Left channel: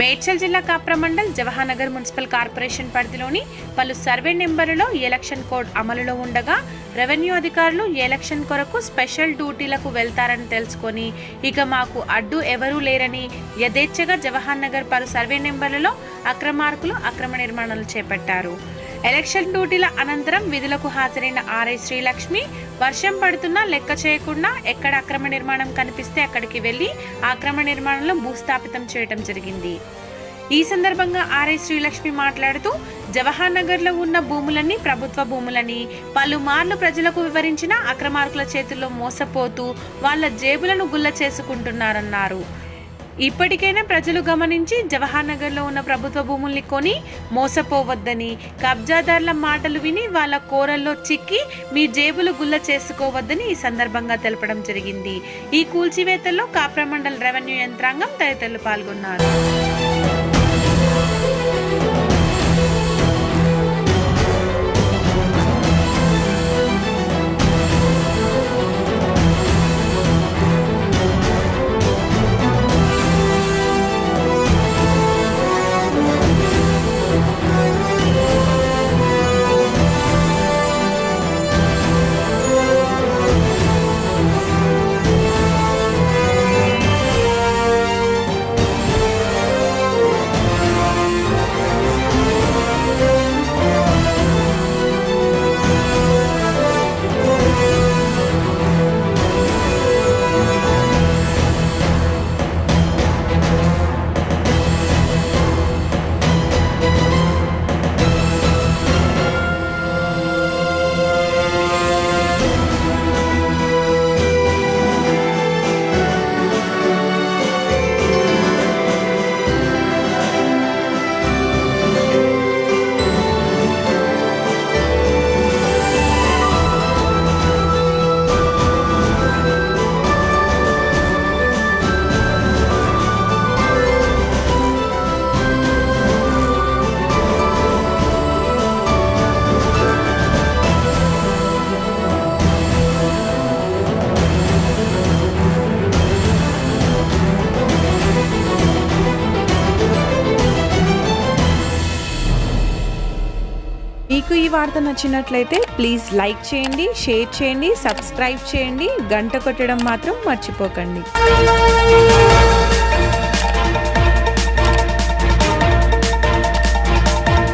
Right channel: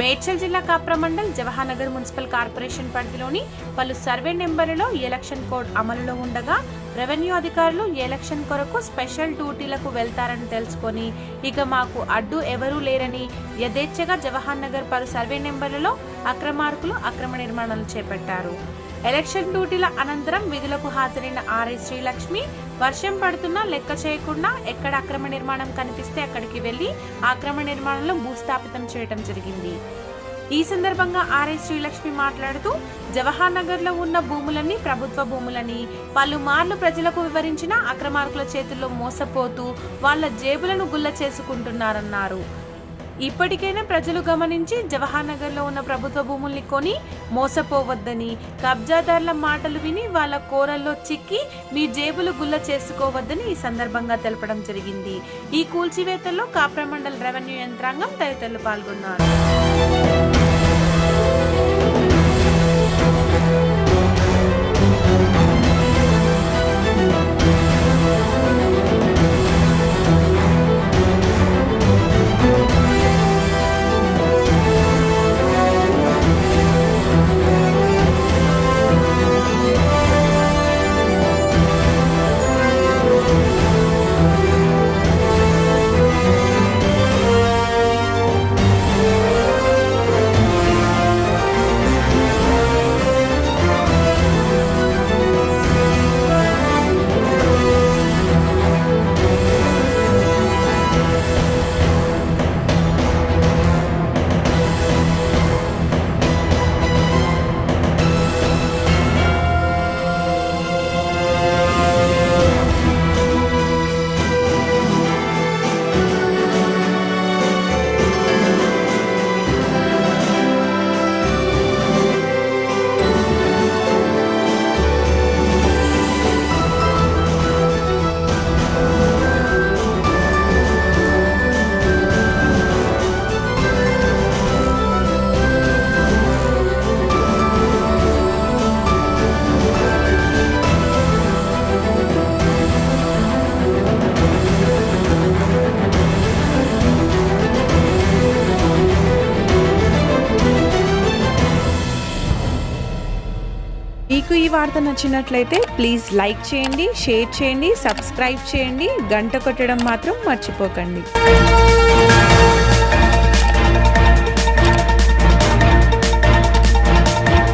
మేడ్చల్ జిల్లా Kapra mandal Jawaharnagar municipal corporation పరిధిలోని పలు సర్వే నెంబర్లలో ఎలక్షన్ కోడ్ అమలులో ఉండగా రెవెన్యూ అధికారులు ఎలక్షన్ కొరకు స్పెషల్ డ్యూటీలకు వెళ్తారని తెలుసుకొని ఇక మాకు అడ్డు ఎవరూ లేరని యథేచ్ఛగా జవహర్నగర్ పలు సర్వే నెంబర్లలో అక్రమార్కులు అక్రమ నిర్మాణాలు చేపట్టారు. ఎలక్షన్ డ్యూటీల అనంతరం విధులకు హాజరైన ఆర్ఐ శ్రీలక్ష్మి వర్షం పడుతున్నా లెక్క చేయకుండా ఎక్కడ అక్రమ నిర్మాణం కనిపిస్తే అక్కడికి వెళ్లి అక్రమ నిర్మాణంలో భూస్థాపితం చేయడం జరిగింది. ఈ సందర్భంగా ఆర్ఐ శ్రీలక్ష్మి మాట్లాడుతూ జవహర్నగర్లో ఉన్న భూములన్నీ ప్రభుత్వ భూములని పలుమార్లు ప్రజలకు వివరించిన అక్రమార్కుల చేతుల్లో మోసపోతూ వాళ్ళ జేబులను గుల్ల చేసుకుంటున్నారన్నారు. ఇప్పటికైనా ప్రజలు గమనించి జవహర్నగర్లో ఉన్న ప్రభుత్వ భూముల్ని కొని మోసపోవద్దని, కబ్జాదారుల మాటలు విని వాళ్ళ కోరల్లో చిక్కి మీ జేబులు గుల్ల చేసుకోవద్దని ఈ సందర్భంగా తెలపడం జరిగింది. ఈ కూల్చివేతల్లో కాప్రా మండల్ రెవెన్యూ యంత్రాంగం తదితరులు పాల్గొన్నారు. మీకు ఈ వార్త నచ్చినట్లయితే ప్లీజ్ లైక్ చేయండి, షేర్ చేయండి, సబ్స్క్రైబ్ చేయండి, గంట కొట్టడం మాత్రం మర్చిపోకండి.